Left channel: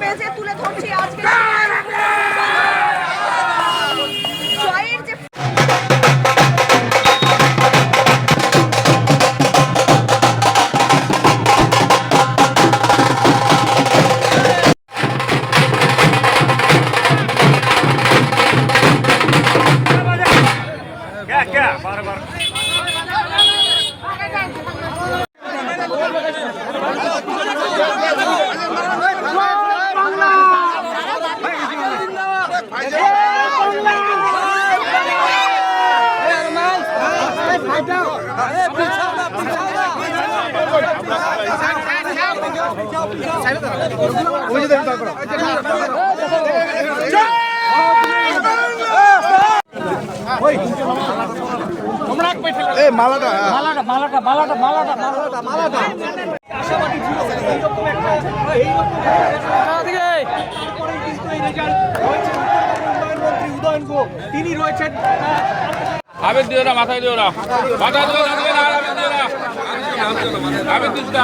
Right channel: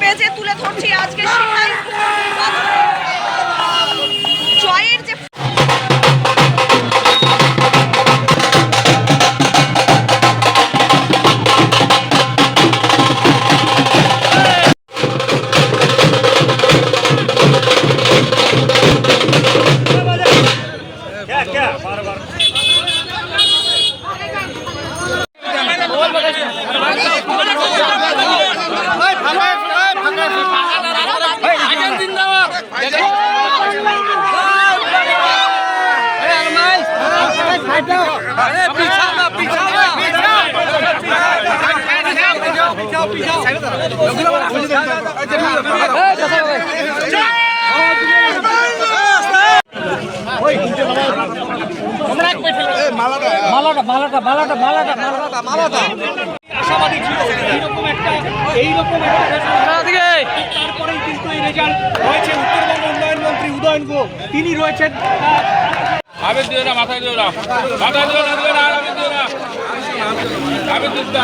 পেজে তুলে ধরছি আজকে। তিনি রয়েছেন আবেদ মাথায় দিও না। মাথা দিও না দিও না আবেদ দিও না। আবেদ দিস না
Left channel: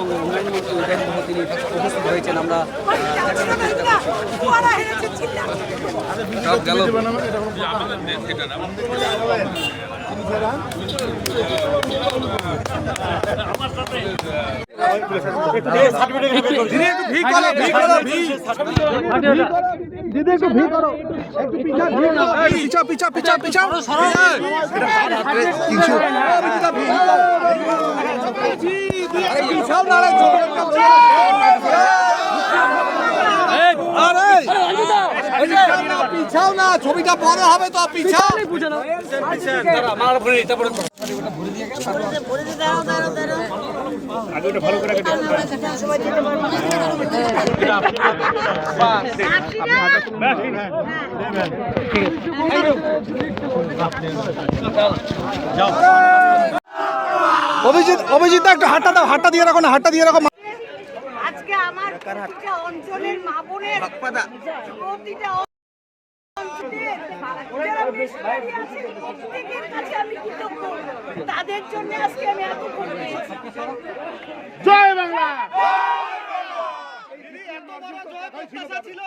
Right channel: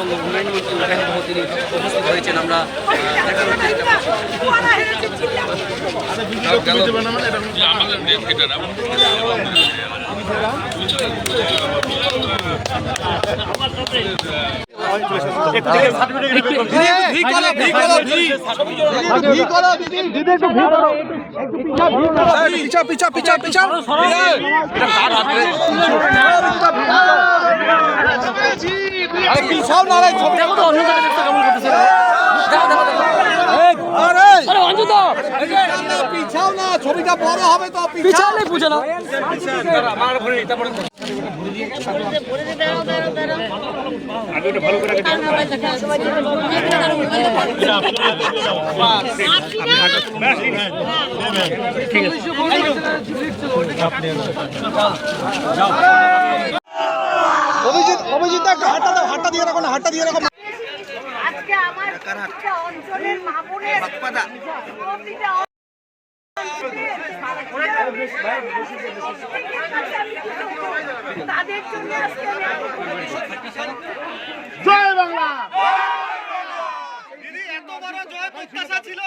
উন্নয়ন মন্ত্রী উপস্থিত হয়েছেন। আমরা চিন্তা আমাদের নিয়ে খেটে না অভিজিৎ অভিজিৎ একটু হাতটা দাও হাতটা দিয়ে রাখো না হাতটা দিয়ে রাখো। আজকে আমার অঞ্চলের মা বোনের তাদের জন্য জয় বাংলা! এত বড় জয় প্রত্যাশা ছিল।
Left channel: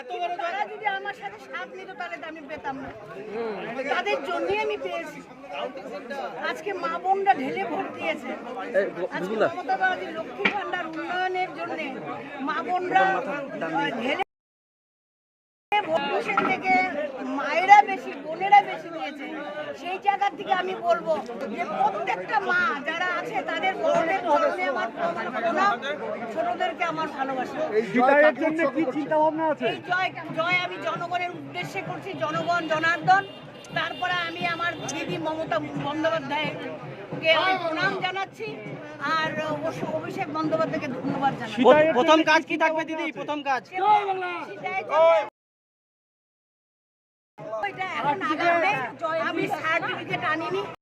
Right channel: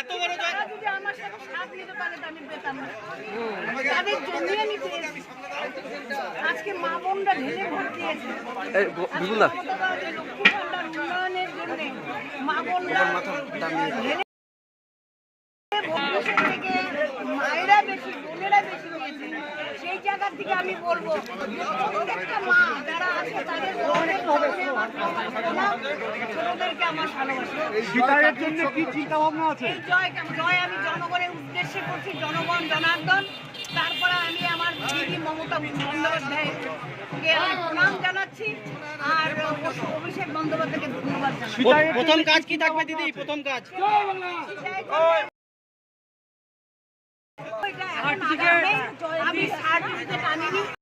এত বড় জয় যদি আমার সাথে সাথ নিতে পারে আমি পেতাম না। তাদের জমিয়ে নিতে আজকে মা বোনরা ঢেলে ভোট দিয়েছে। লক্ষ্মী ভান্ডার উন্নয়নের জন্য মা বোনরা আমি বলব যে প্রত্যেকটা মা যারা আছে তাদের ছোটদেরকে আমার ভালোবাসা। বিদায়ের জন্য কি চিন্তা ভাবনা আছে জয় জয় আমি জনগণের উদ্দেশ্যে করছি জনগণ জনার্দন। তারপরে আমি আমার দিদি মমতা বন্দ্যোপাধ্যায়কে আমি প্রণাম জানাচ্ছি আর অভিষেক বন্দ্যোপাধ্যায়কে ধন্যবাদ জানাচ্ছি। প্রথম কাজ কি থাকবে দিদি? প্রথম কাজ। এটা এখন আগামী জয় पानी नहीं